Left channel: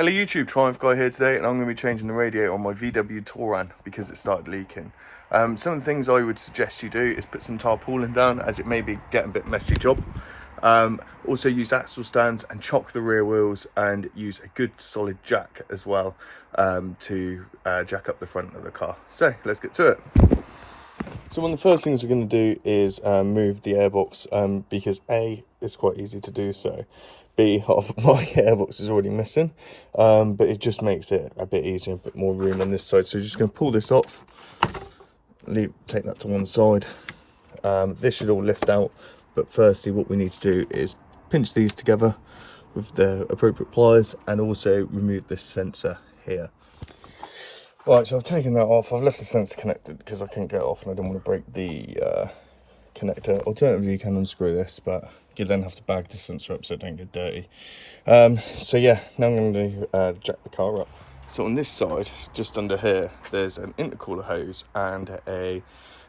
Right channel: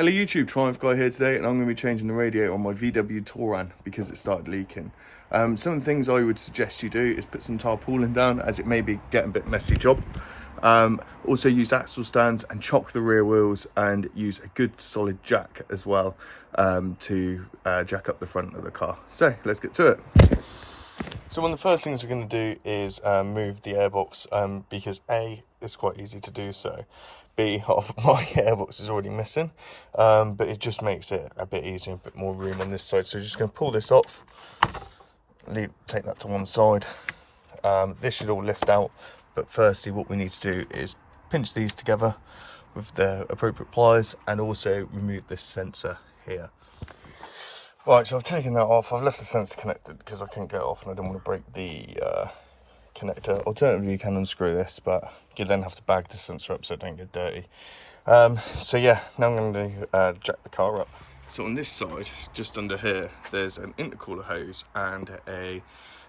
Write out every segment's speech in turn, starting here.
Hello YouTube, Triumph Guy here today, and I'm going to be changing the radiator on my VW Touran because it started leaking. Some of the things I would suggest you do is put some tarpaulin down, as it may be getting a bit messy job. Also use axle stands and chock the rear wheels, and use a good solid jack as well to jack up the front of the car. So let's get to it. So one of the first things we're going to do is move the airbox because A, it's quite easy to do so. B, half of my airbox is already missing, but it just makes it a bit easier, a bit more room on this side. So we're just going to pull this off, take that to one side. This should all lift out, but firstly what we need to do is pinch these together with the appropriate pliers and also remove this sensor here. Right, so I've taken that off. I've left the sensor connected because I couldn't get it off and I don't want to break the connector. Alternatively, you can unscrew this, but you then have to bag the sensor up so it don't get dirty. So yeah, now I'm going to jack the car up. So on this side, just under here, there's an intercooler hose and a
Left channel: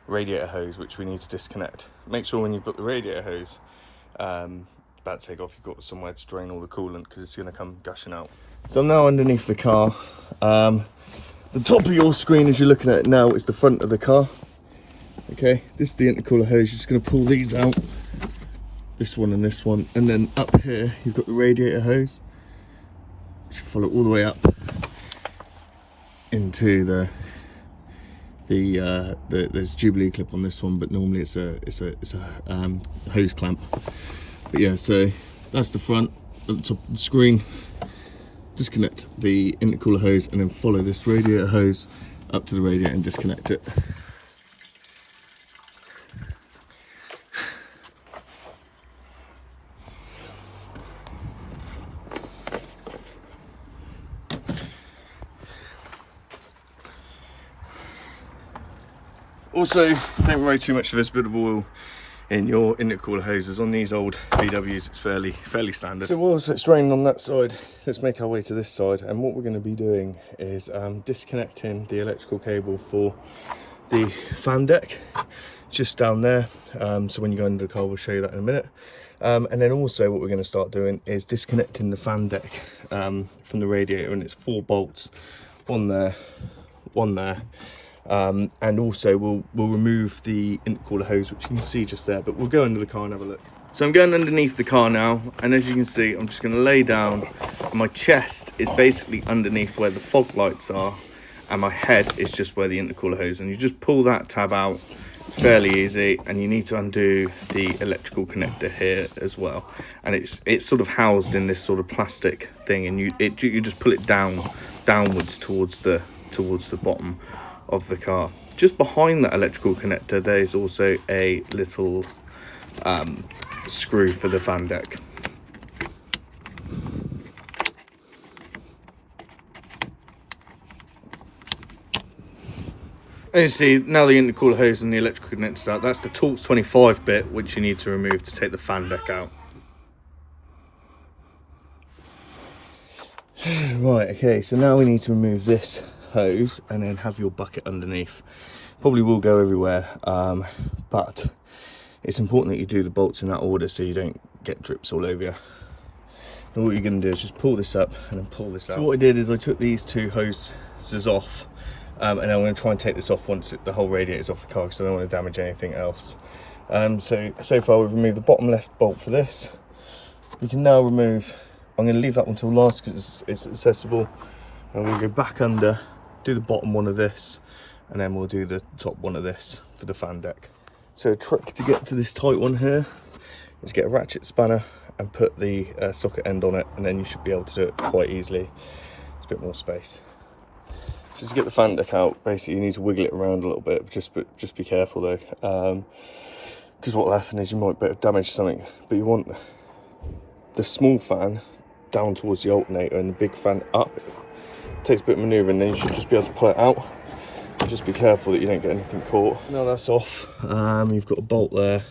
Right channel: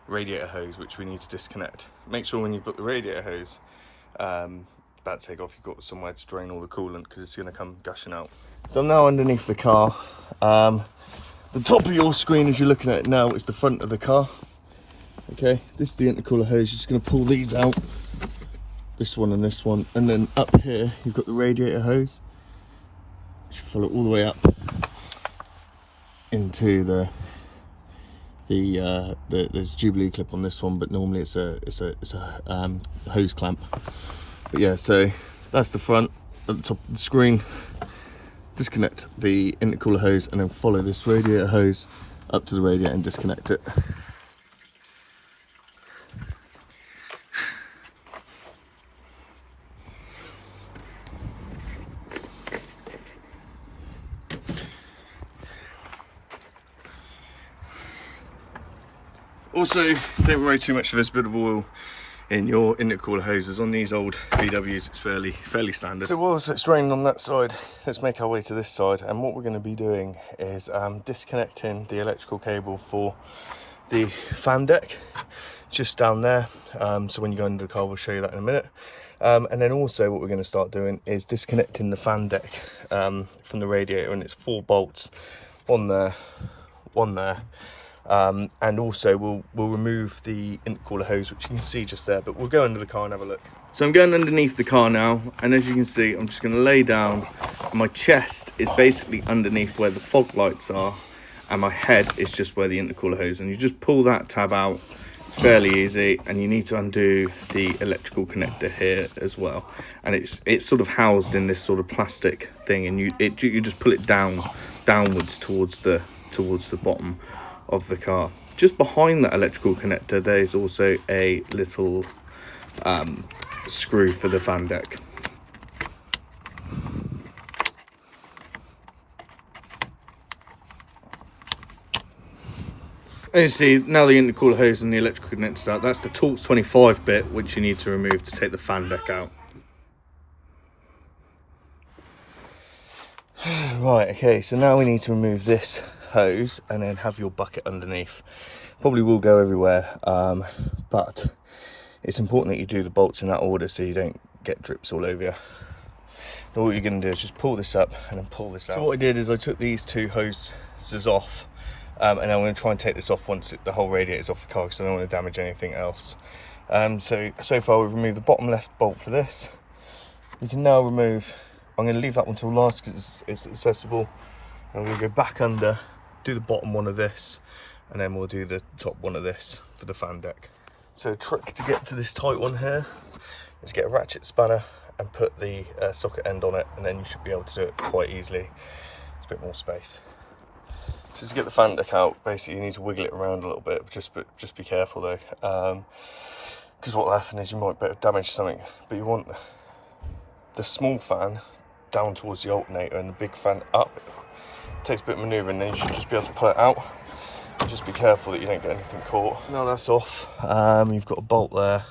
radiator hose which we need to disconnect. Make sure when you've got the radiator hose about to take off, you've got somewhere to drain all the coolant because it's going to come gushing out. So I'm now underneath the car. The top of your screen, as you're looking at it now, is the front of the car. Okay, this is the intercooler hose. You're just going to pull these out, this one and this one, and then up here you've got the radiator hose. You should follow it all the way up into there's a Jubilee clip on this one, but normally it's a hose clamp. But yeah, so that's the front. At the top of the screen, disconnect the intercooler hose and then follow this radiator hose up to the radiator and disconnect it. Also, don't worry too much of this bit of oil in your intercooler hoses. On these old VWs, it's fairly standard. So whilst it's draining on that side, let's make our way to this side. And what we're going to be doing is disconnecting the electrical cable for the fan deck, just down there. So when you go into the car, we'll show you that in a minute. And then also what we're going to start doing is disconnecting the fan deck from the radiator, and it's 4 bolts, one there, one there. And also we'll remove the intercooler hose, which you can see just there, but we'll go under the car and have a look. So I'm going underneath the car now, and as you can see, I'm just going to lay down, and my chest is basically underneath where the fog lights are, and my head is just where the intercooler hose, and you just pull that tab out. It's fairly easy, and you need to undo the electrical connector here as well, and it's sort of housed in this sort of plastic thing, and you just pull it downwards towards the bottom of the car. Just behind that electrical connector, there's also a little screw for the fan deck. As you see, now the intercooler hose and the electrical connector's out. That's the Torx 25 bit, which you need to remove to take the fan deck out. Right, okay, so now we need to remove this hose and then have your bucket underneath. Probably will go everywhere, but it's important that you do the bolts in that order so you don't get drips all over you. Now what you're going to do is just pull this up and then pull this out. So what I did is I took these 2 hoses off, and I'm going to try and take this off once the whole radiator is off the car because I don't want to damage anything else. So far we've removed the bottom left bolt for this. We can now remove, I'm going to leave that one till last because it's accessible. I'm going to go back under, do the bottom one of this, and then we'll do the top one of this for the fan deck. So a trick to get to this tight one here is get a ratchet spanner and put the socket end on it, and then you should be able to do it quite easily. It's a bit more space. So to get the fan deck out, basically you need to wiggle it around a little bit, just be careful though, because what will happen is you might damage something, but you want the small fan down towards the alternator and the big fan up. It takes a bit of manoeuvring, then you should just be able to pull it out. Just be careful that you don't get anything caught. So now that's off, you've got a bolt there,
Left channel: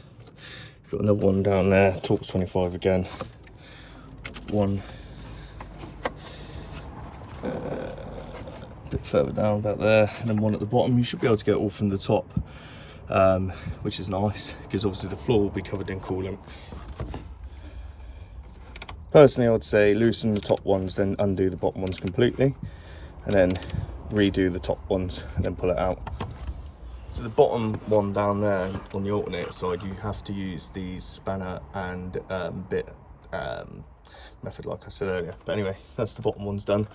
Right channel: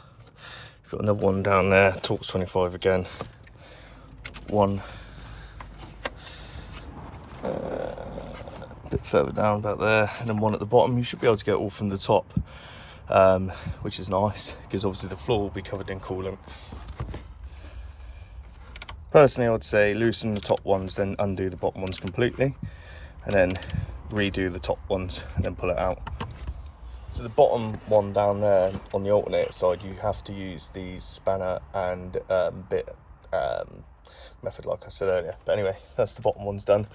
you've got another one down there, Torx 25 again, one a bit further down about there, and then one at the bottom. You should be able to get it all from the top, which is nice because obviously the floor will be covered in coolant. Personally, I would say loosen the top ones, then undo the bottom ones completely, and then redo the top ones and then pull it out. So the bottom one down there on the alternator side, you have to use the spanner and bit method like I said earlier. But anyway, that's the bottom one's done.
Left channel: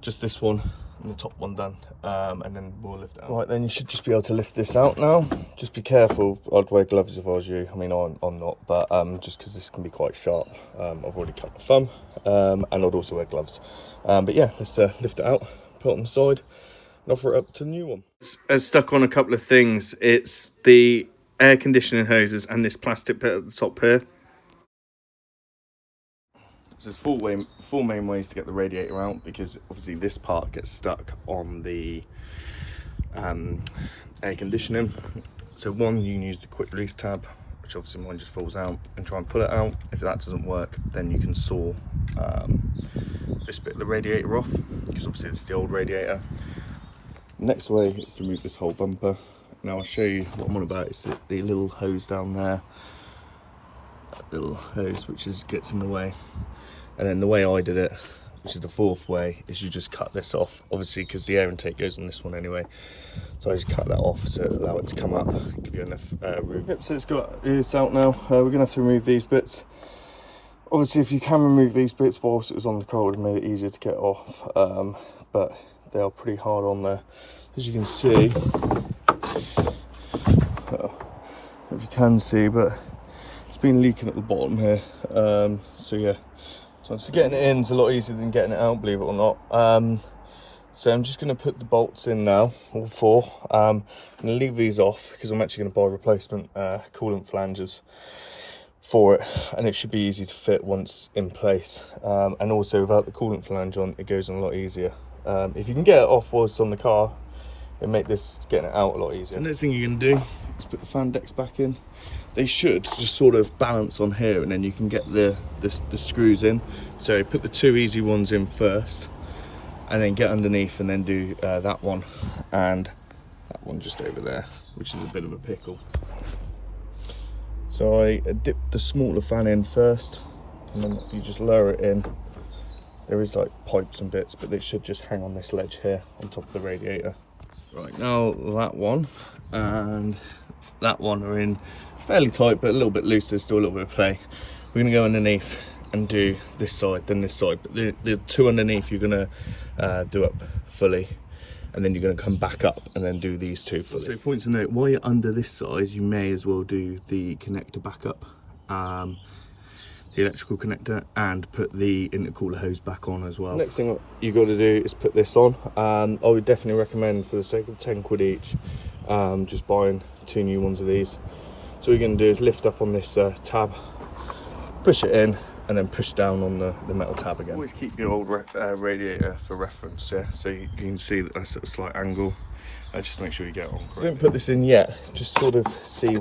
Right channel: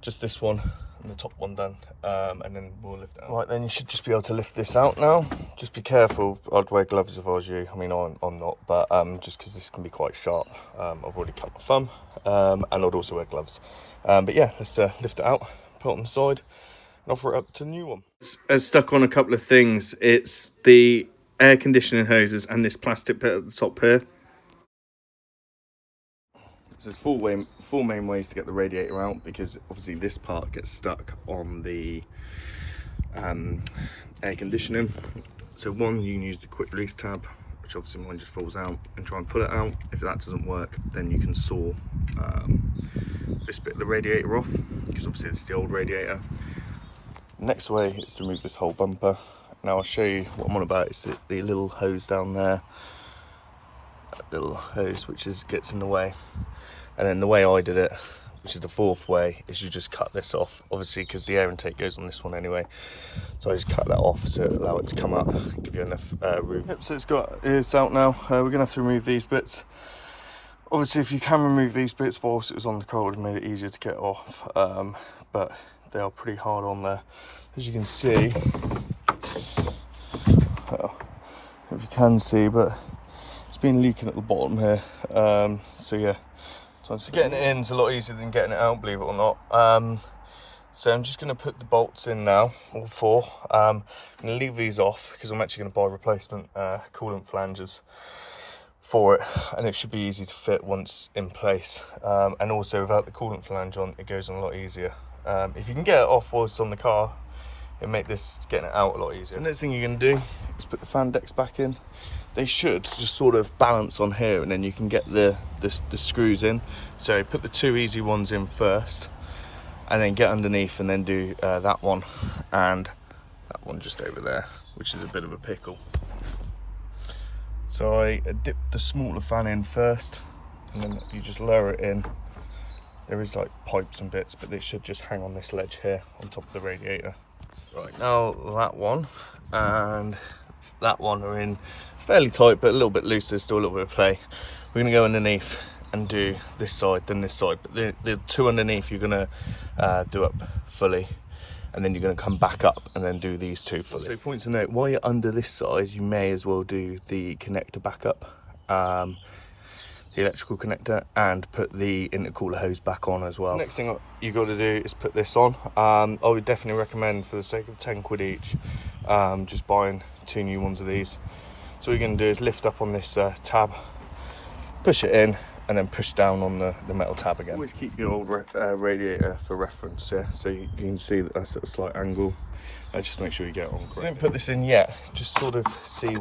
Just this one and the top one done, and then we'll lift it out. Right, then you should just be able to lift this out now. Just be careful. I'd wear gloves if I was you. I mean, I'm not, but just because this can be quite sharp. I've already cut my thumb, and I'd also wear gloves. But yeah, let's lift it out, put it on the side, and offer it up to the new one. It's stuck on a couple of things. It's the air conditioning hoses and this plastic bit at the top here. So there's four main ways to get the radiator out, because obviously this part gets stuck on the air conditioning. So one, you can use the quick release tab, which obviously mine just falls out, and try and pull it out. If that doesn't work, then you can saw this bit of the radiator off, because obviously it's the old radiator. The next way is to remove this whole bumper. Now I'll show you what I'm on about. It's the little hose down there, that little hose which gets in the way. And then the way I did it, which is the fourth way, is you just cut this off, obviously because the air intake goes on this one anyway. So I just cut that off to allow it to come up and give you enough room. Yep, so it's out now. We're gonna have to remove these bits. Obviously, if you can remove these bits whilst it was on the car, it would have made it easier to get off. But they are pretty hard on there, as you can see. Well, if you can see, but it's been leaking at the bottom here. So yeah. So getting it in is a lot easier than getting it out, believe it or not. So I'm just going to put the bolts in now, all four. I'm going to leave these off because I'm actually going to buy replacement coolant flanges for it, and it should be easy to fit once in place. And also without the coolant flange on, it goes on a lot easier. If you can get it off whilst it's on the car, it'll make this getting it out a lot easier. The next thing you're going to do is put the fan decks back in. They should just sort of balance on here, and then you can get the screws in. So put the two easy ones in first, and then get underneath and then do that one and that one just over there, which is a bit of a pickle. So I dip the smaller fan in first, and then you just lower it in. There is like pipes and bits, but they should just hang on this ledge here on top of the radiator. Right, now that one and that one are in fairly tight, but a little bit loose. There's still a little bit of play. We're gonna go underneath and do this side, then this side. But the two underneath you're gonna do up fully, and then you're gonna come back up and then do these two fully. So point to note, while you're under this side, you may as well do the connector back up, the electrical connector, and put the intercooler hose back on as well. Next thing you got to do is put this on. I would definitely recommend, for the sake of 10 quid each, just buying 2 new ones of these. So what you're going to do is lift up on this tab, push it in, and then push down on the metal tab again. Always keep your old radiator for reference, yeah, so you can see that that's at a slight angle. Just make sure you get it on correctly. So don't put this in yet, just sort of see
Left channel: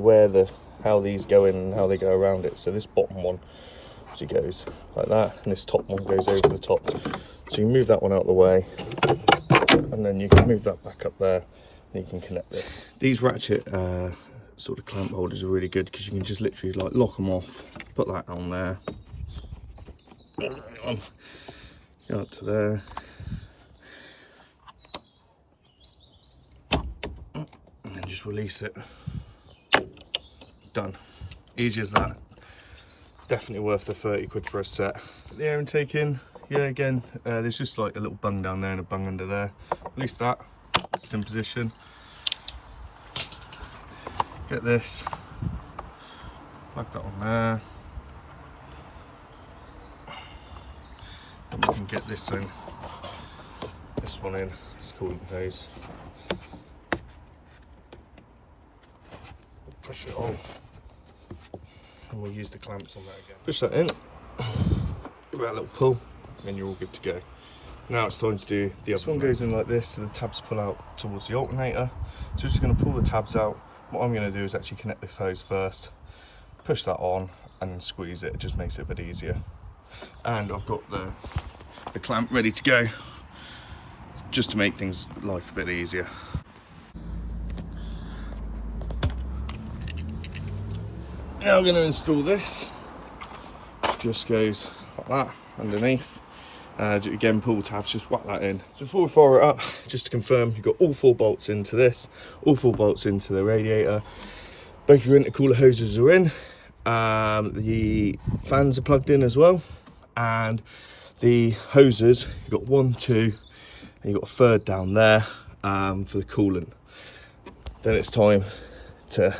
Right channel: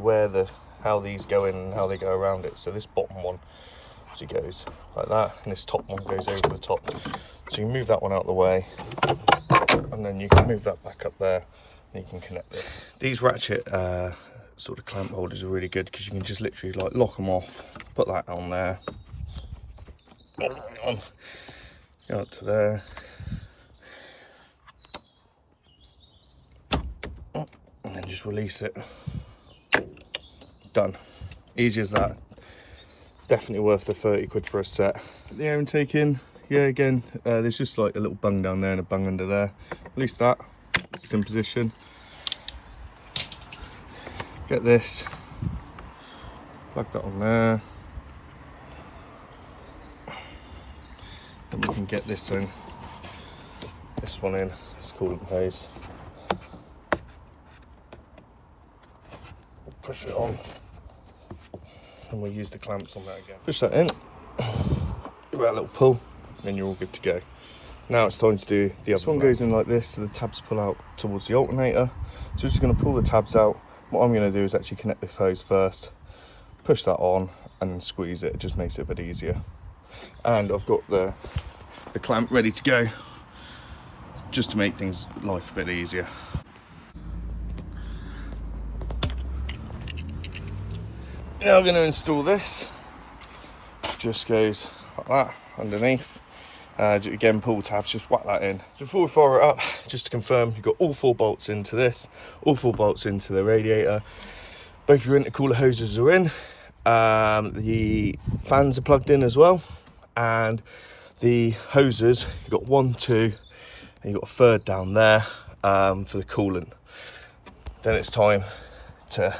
how these go in and how they go around it. So this bottom one obviously goes like that, and this top one goes over the top. So you can move that one out of the way, and then you can move that back up there, and you can connect this. These ratchet sort of clamp holders are really good, because you can just literally like lock them off, put that on there, go up to there, and then just release it. Done. Easy as that. Definitely worth the 30 quid for a set. Put the air intake in. Yeah, again, there's just like a little bung down there and a bung under there. Release that. It's in position. Get this. Plug that on there. And you can get this in. This one in. It's coolant hose. Push it on. And we'll use the clamps on that again. Push that in, give it a little pull, and you're all good to go. Now it's time to do the other one. Goes in like this, so the tabs pull out towards the alternator. So we're just going to pull the tabs out. What I'm going to do is actually connect this hose first, push that on, and then squeeze it. It just makes it a bit easier. And I've got the clamp ready to go, just to make things life a bit easier. Now I'm going to install this, which just goes like like that underneath. Again, pull tabs, just whack that in. So before we fire it up, just to confirm, you've got all 4 bolts into this, all 4 bolts into the radiator. Both your intercooler hoses are in. The fans are plugged in as well, and the hoses, you've got 1, 2, and you've got a third down there for the coolant. Then it's time to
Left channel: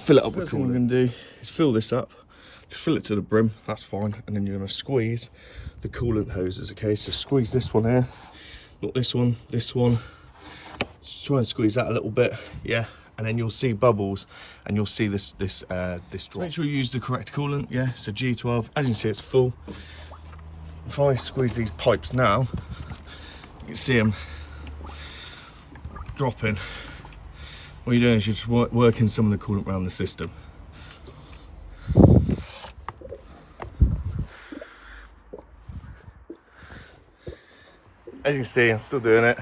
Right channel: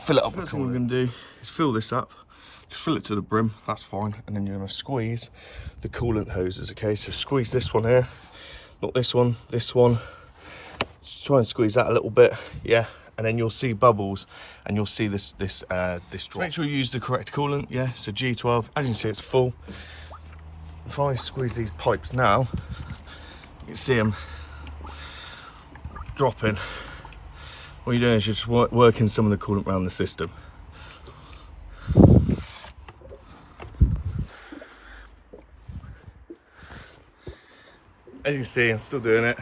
fill it up. First thing we're going to do is fill this up. Just fill it to the brim, that's fine, and then you're going to squeeze the coolant hoses. Okay, so squeeze this one here, not this one, this one. Just try and squeeze that a little bit, yeah, and then you'll see bubbles, and you'll see this drop. Make sure you use the correct coolant, yeah. So G12, as you can see, it's full. If I squeeze these pipes now, you can see them dropping. What you're doing is you're just working some of the coolant around the system. As you can see, I'm still doing it,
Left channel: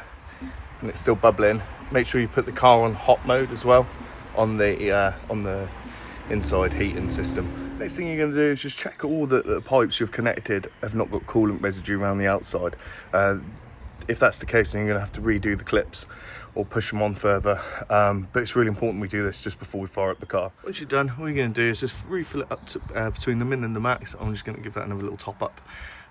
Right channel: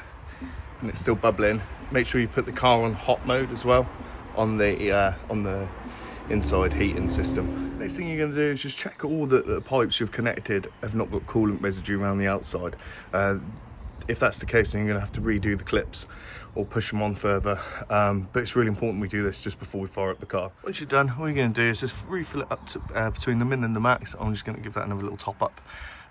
and it's still bubbling. Make sure you put the car on hot mode as well on the inside heating system. Next thing you're going to do is just check all the pipes you've connected have not got coolant residue around the outside. If that's the case, then you're going to have to redo the clips or push them on further. But it's really important we do this just before we fire up the car. Once you're done, all you're going to do is just refill it up to between the min and the max. I'm just going to give that another little top up.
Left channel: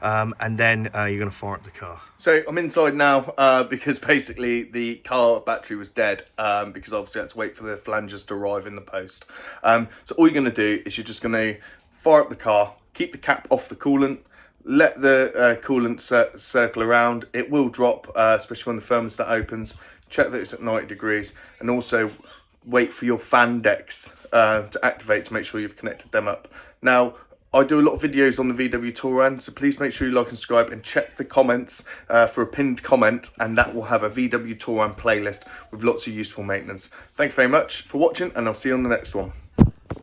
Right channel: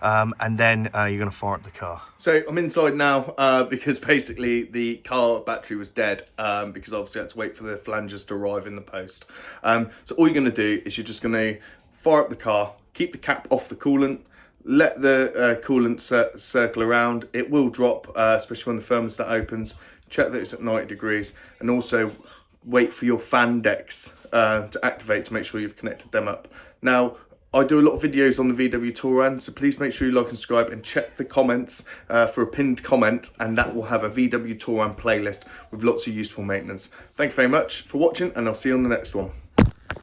And then you're going to fire up the car. So I'm inside now because basically the car battery was dead because obviously I had to wait for the flanges to arrive in the post. So all you're going to do is you're just going to fire up the car, keep the cap off the coolant, let the coolant circle around. It will drop, especially when the thermostat opens. Check that it's at 90 degrees, and also wait for your fan decks to activate to make sure you've connected them up. Now, I do a lot of videos on the VW Touran, so please make sure you like and subscribe, and check the comments for a pinned comment, and that will have a VW Touran playlist with lots of useful maintenance. Thank you very much for watching, and I'll see you on the next one.